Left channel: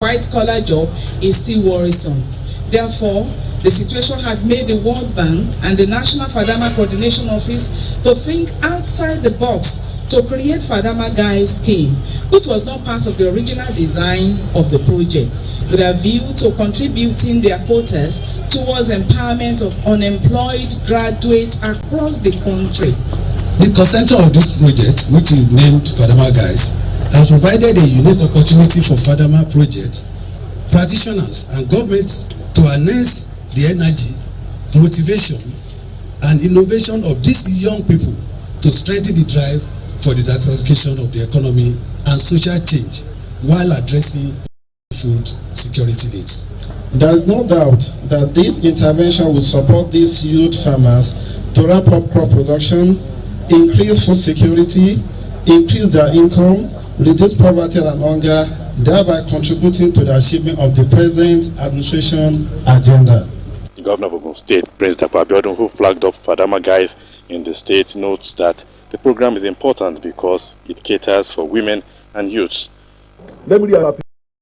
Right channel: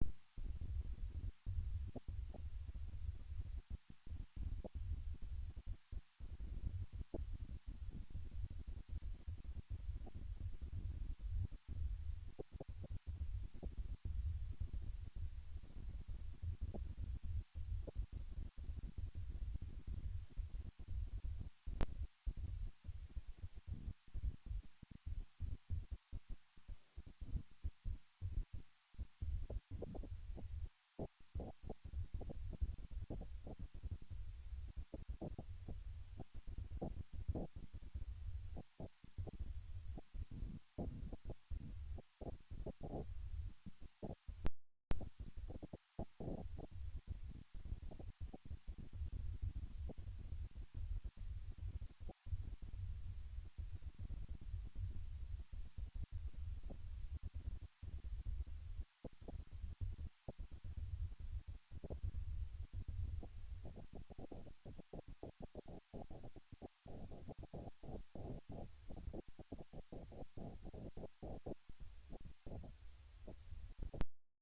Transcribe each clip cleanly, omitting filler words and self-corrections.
white-collar job is still worrisome. Therefore, the situation had made the World Bank and the National Fadama Coordination Office to think outside the box to create Fadama Guys scheme, which was not part of the original design of the project, with a view to contributing their quotas towards empowerment of unemployed graduates across the country. The consensus of this project, which is named Fadama Guys, has provided a unique opportunity for Fadama project practitioners and governments to harness the energy, motivation, and innovation of these young people to strengthen the drive for the diversification of the economy and social change while addressing food security needs. There is no doubt that this intervention will support these youth farmers to ramp up crop production, increase food security, increase their income, reduce poverty and hunger, thereby contributing to the achievement of the present administration agenda. The Governor of Ogun State, Prince Dr. Abiodun, who flagged up Fadama Guys in the state, notes that the program is important because it caters for women and youths. Let me reassure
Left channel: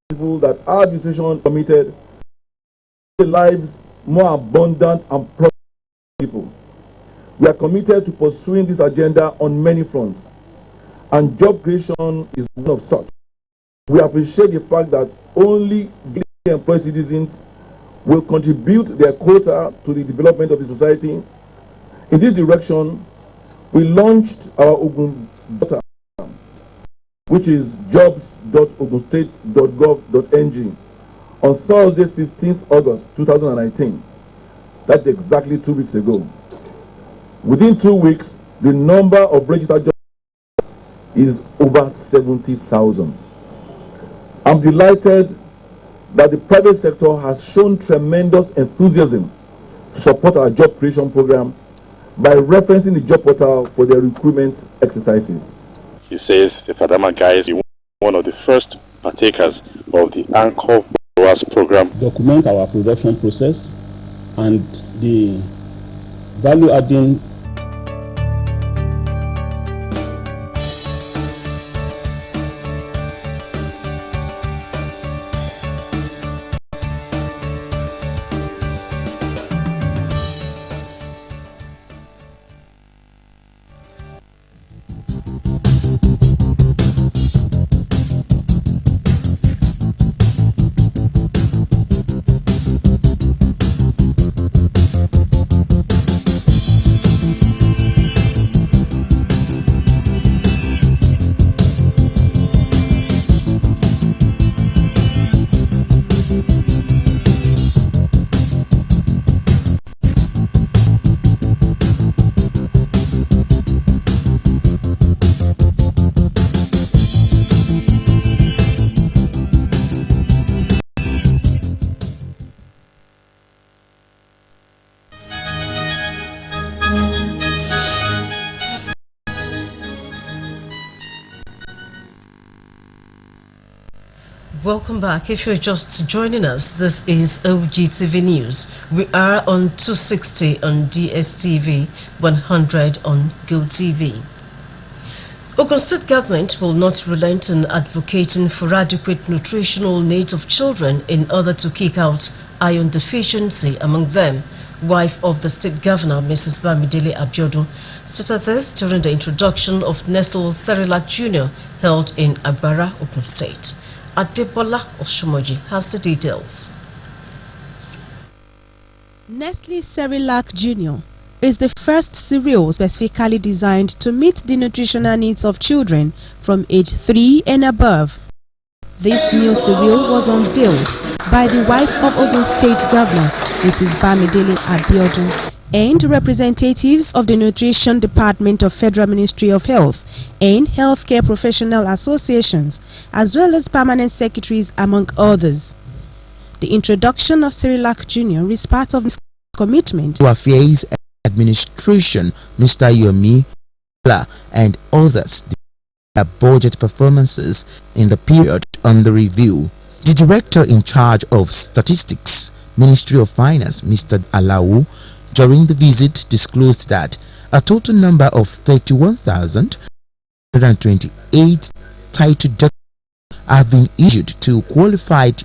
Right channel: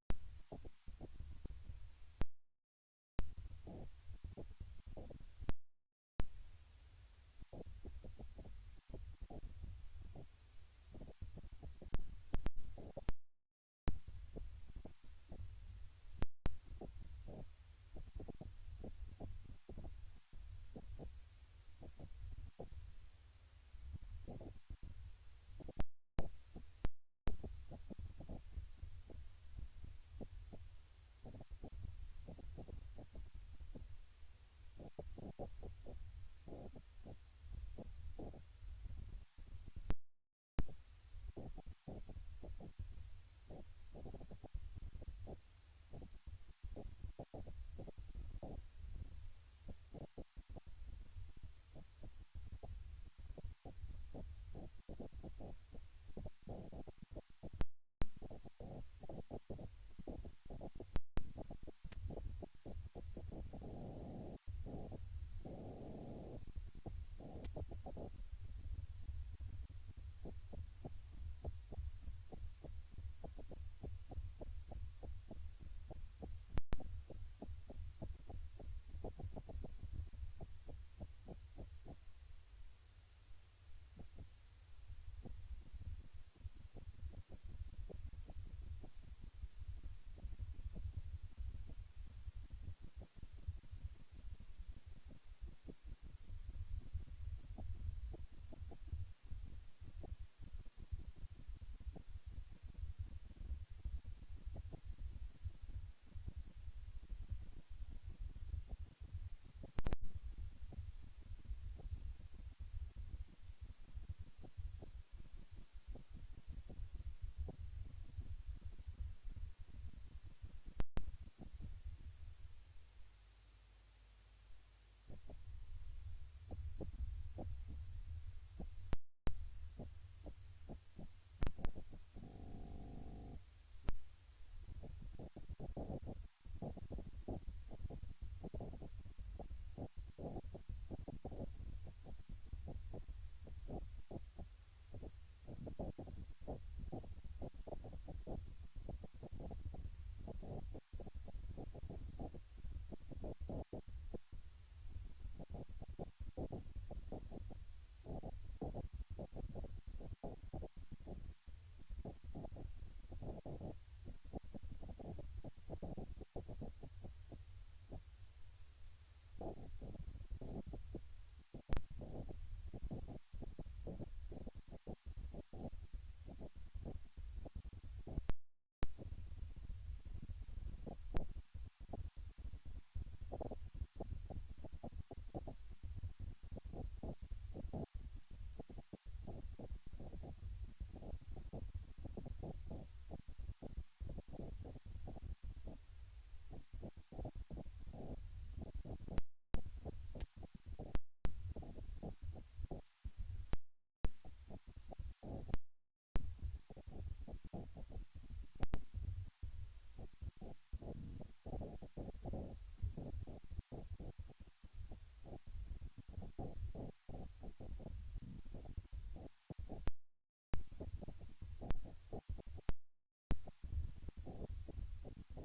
people that our administration committed to lives more abundant and prosperous people. We are committed to pursuing this agenda on many fronts, and job creation is one of such. We appreciate the fact that only employed citizens will contribute their quota to the development of the society. In this direction, we launched our Ogun portal, which is jobs.ogunstate.gov.ng, on Thursday, 15th August 2019. That's exactly 2 weeks ago. Within 2 weeks, the number of registered jobs is over 70,000. I'm delighted that the private sector has shown tremendous enthusiasm to support our job creation program by referencing the job portal for their recruitment exercises. He says the Fadama Guys is one of the first partakers of the Anchor Borrowers program. Document our production process and the value adding. Welcome back. If you're just joining us, this is Ogtv News. We are on 260 on DSTV, 100 on GoTV. Ogun State government will not relent in advocating for adequate nutritional needs of children in order to kick out iron deficiency among them. Wife of the state governor, Mrs. Bamidele Abiodun, stated this during the introduction of Nestle Cerelac Jr. held in Agbara, Ogun State. Adebola Oshomoji has the details. Nestle Cerelac Jr. is the first cereal specifically designed to meet the nutritional needs of children from age 3 and above. This new cereal was unveiled by the wife of Ogun State Governor, Mrs. Bamidele Abiodun, and representatives of the Nutrition Department of Federal Ministry of Health and healthcare professional associations, as well as permanent secretaries, among others. The introduction of Cerelac Jr. is part of this commitment to Affairs Administration, Mr. Yomi and others, their budget performances in the period under review. The director in charge of Statistics, Ministry of Finance, Mr. Alawu, during the visit disclosed that a total number of 31,128 titled documents have been issued to qualified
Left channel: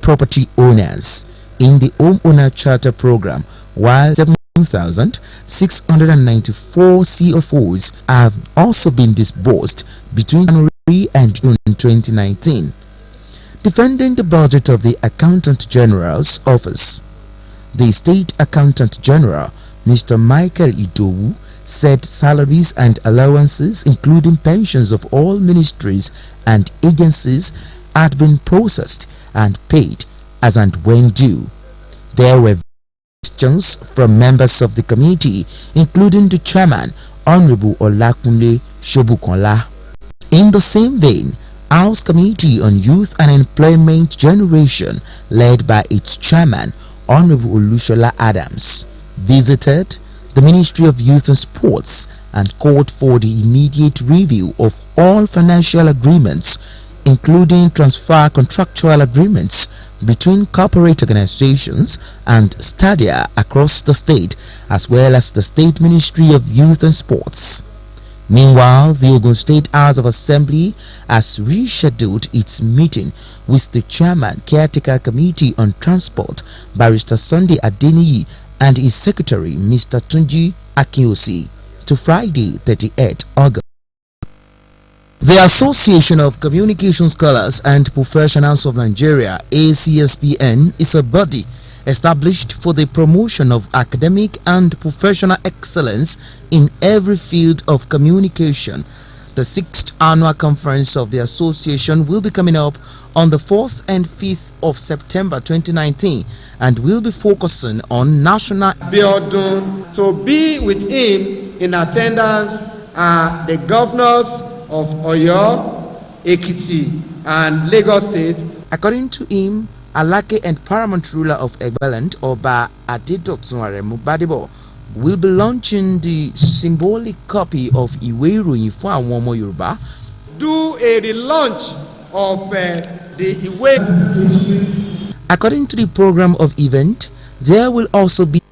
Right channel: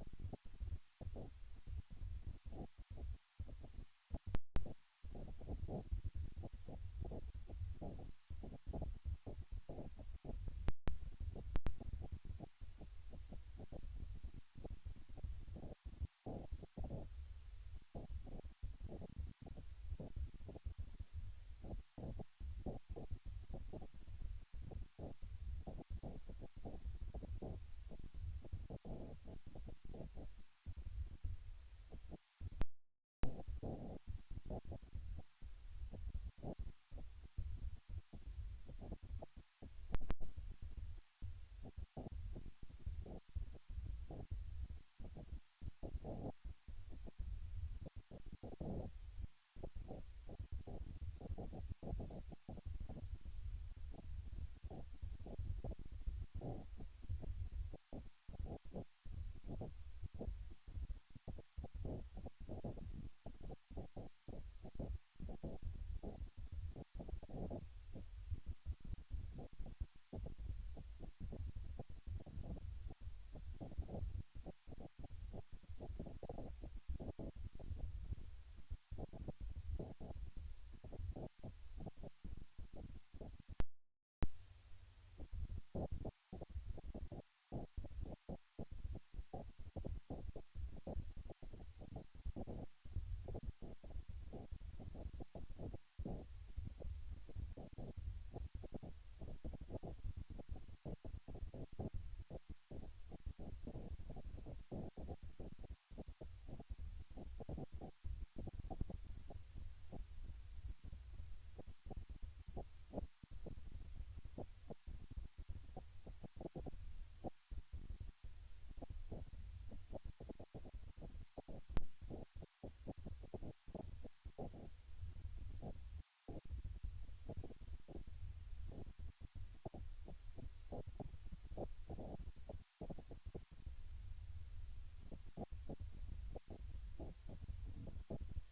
property owners in the homeowner charter program, while 7,694 CFOs have also been disbursed between January and June 2019. Defending the budget of the Accountant General's office, the State Accountant General, Mr. Michael Idowu, said salaries and allowances, including pensions of all ministries and agencies, had been processed and paid as and when due. There were questions from members of the committee, including the chairman, Honorable Olakunle Shobukola. In the same vein, House Committee on Youth and Employment Generation, led by its chairman, Honorable Olushola Adams, visited the Ministry of Youth and Sports and called for the immediate review of all financial agreements, including transfer contractual agreements between corporate organizations and stadia across the state, as well as the State Ministry of Youth and Sports. Meanwhile, the Ogun State House of Assembly has rescheduled its meeting with the Chairman Caretaker Committee on Transport, Barrister Sunday Adeniyi, and his Secretary, Mr. Tunji Akinosi, to Friday, 38 August. The Association of Communication Scholars and Professionals of Nigeria, ACSPN, is a body established for the promotion of academic and professional excellence in every field of communication. The 6th annual conference of the association will be coming up on the 4th and 5th of September 2019 and will be focusing on national. To be with him in attendance are the governors of Oyo, Ekiti, and Lagos State. According to him, Alake and paramount ruler of Egbaland, Oba Adedotun Aremu Badibo, will be launching the symbolic copy of Iwe Iroyin fún àwọn ọmọ Yorùbá. Do a relaunch of the Iwe. According to the program of event, there will also be.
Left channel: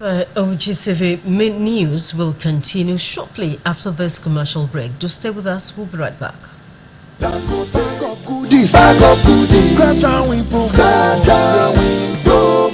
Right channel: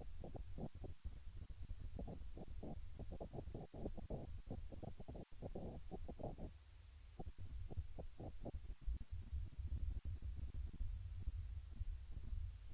Ogtv news will continue shortly after this commercial break. Do stay with us. We'll be right back. Scratch and win promo.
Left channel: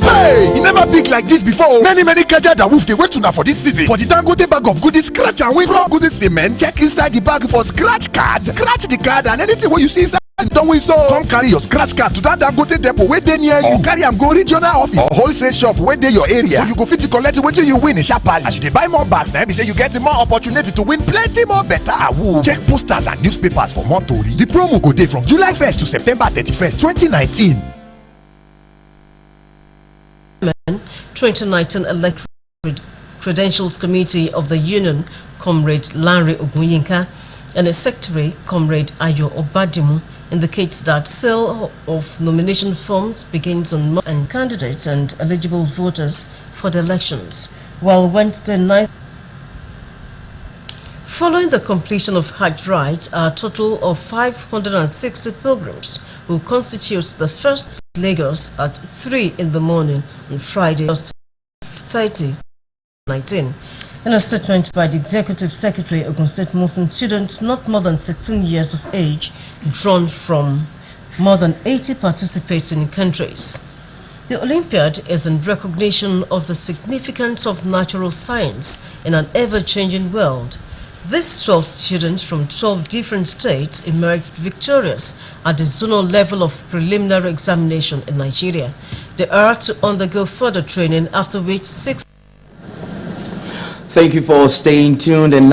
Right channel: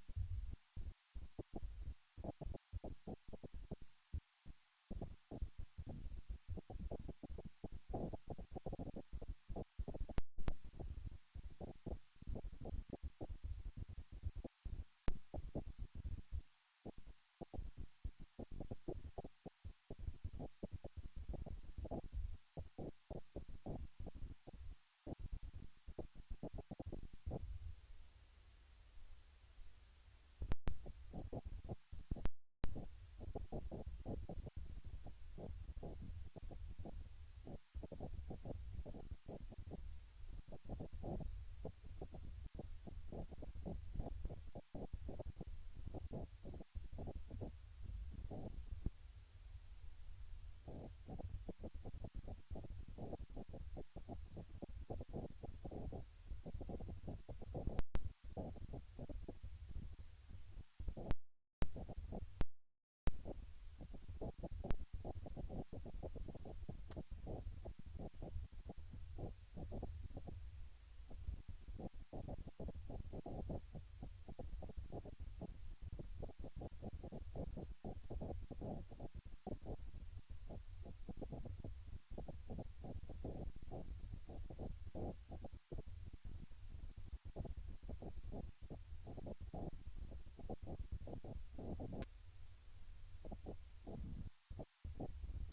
Hey, you never big like this before. Many gadgets that wolf they wait to now for this season. For the Dangote bag of goodies, scratch and win pro goodies cement. Check inside the bag for scratch cards. Scratch the card and anything what you see inside. Don't we so? Come carry your scratch card to that Dangote depot where they near you. Or carry am go regional office or wholesale shop where they your area. So you go fit to collect it till you win in sharply. As you buy more bags, now be say you get more opportunity to win plenty more better. Check posters and newspapers for more tori. The promo go day from July 1st to September 31st, 2019. 2019 Electoral Credentials Committee of the Union, Comrade Larry Ogunyinka, and a Secretary, Comrade Ayo Obadimu, indicates that sale of nomination forms begins on Monday and candidates and eligible voters for the elections, while Wednesday night. Following the completion of Hajj rites, a total of 560 pilgrims will constitute the first Lagos at 3 in the morning on Friday, 30/19. In a statement by the Executive Secretary, Ogun State Muslim students not more than 16 years of age, drawn from more than 80 participating countries. The Olympiad is in recognition of the significance of natural science in an ever-changing world. These 12 students from 12 different states emerged victorious at the zonal level of preliminary examination in Nigeria. They are to undergo further training, after which 6. Thank you for staying tuned. And